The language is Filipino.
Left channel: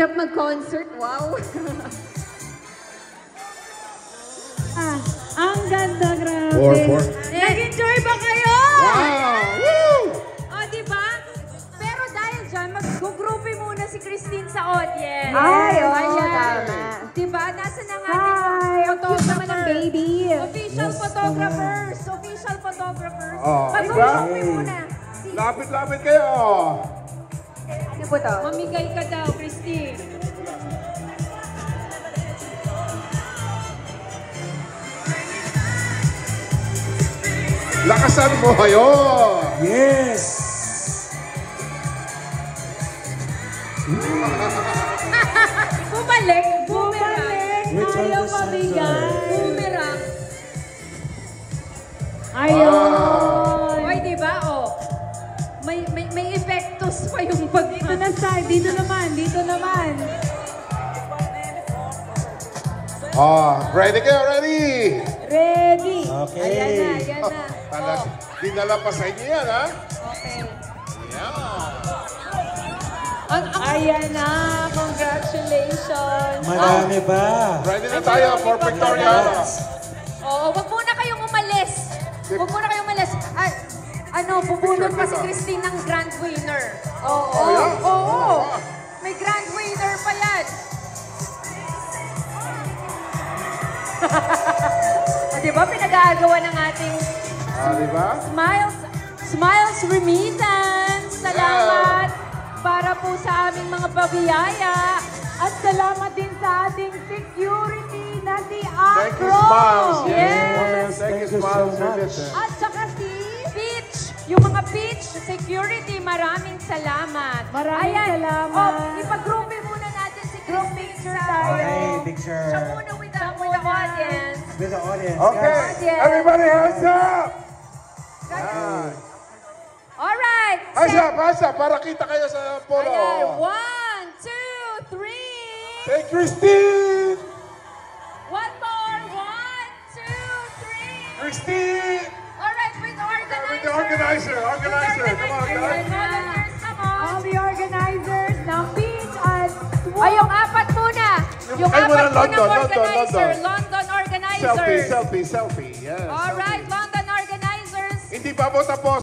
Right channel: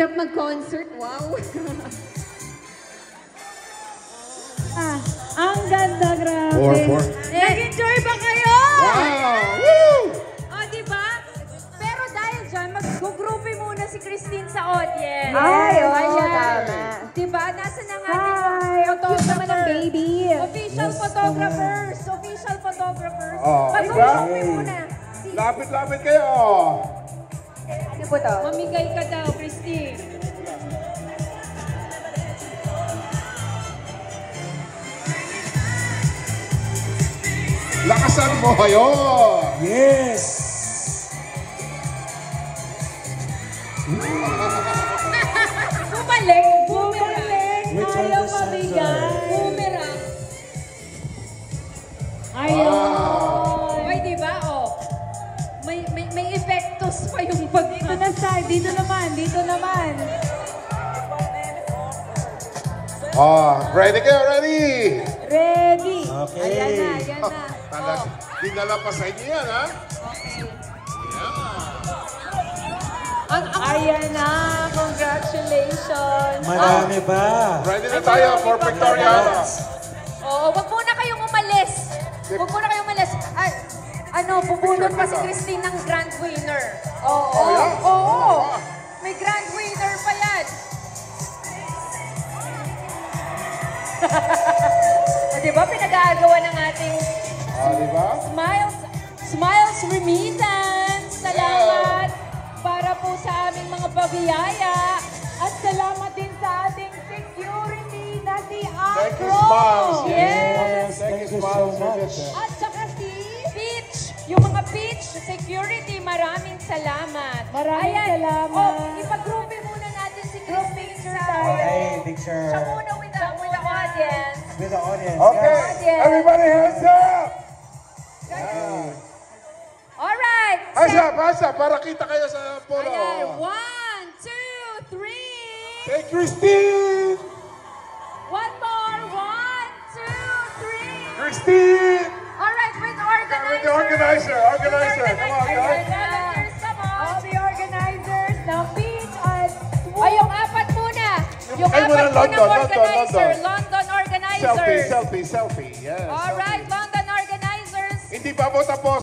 hirap mag-concert. Wow. Ang ganda, grabe. 4-4. Nag-enjoy ba kayo? Wow! Woo! O, diba? Pero dahil dyan, mag-groupie muna si Christine sa audience. Ay, oo, Ayan. tama. Diba? Nasa na nga Hi, ang cute naman ng baby. Official photographers. Official photographers. Oh, Mag-groupie diba? muna. Lapit-lapit kayo. Ano po to? Mamigay ka daw, Christine. Lakasan mo kayo. Yes! Bumalik. Boomerang. Which one Ayaw is mamigay. center? Boomerang. Ayun. Oy, diba? Oh. May epektos pa yung pag... Dito na side, dito naman. Oh, ready kayo, ready? Ready. Okay. Ayan na. Talaga, dinala pa sa inyo yan, ha? Okay. Yan. Ayan na, congratulations. Marami ba? Ready na tayo for Victoriana. Oo, wag muna kayong umalis. Bubunot pa si Christine ng grand winner. Oo. Oh, yeah? Oo. May grand winner pa yan. Diba, pinag-aagawa ng ating Diba? Smiles Remittance. Salamat para po sa aming mga pabiyaya. At salamat din sa ating security na si Afro. Thank you, Smiles. Yes. Thank you, Thank you so Smiles. much. At saka si Peach. Yung mga Peach security, maraming salamat. Maraming salamat. Oh, ipag-groupie muna natin si Christine sa Okay, picture. siya muna with the audience. With the audience, Okay, guys. everybody hands up! Yan. Alright. Hands up, para kita kayo sa photo. Ayan. 1, 2, 3. Say Christine! One more. 1, 2, 3. Christine! Alright, with the organizer. With the organizer. Come on, guys. All the organizers ng Beach at ay, yung apat muna. Yung Ay, muna, apat muna organizer. London. London organizer. Selfie. Yes. Alright, London organizers. Hindi pa po tapos.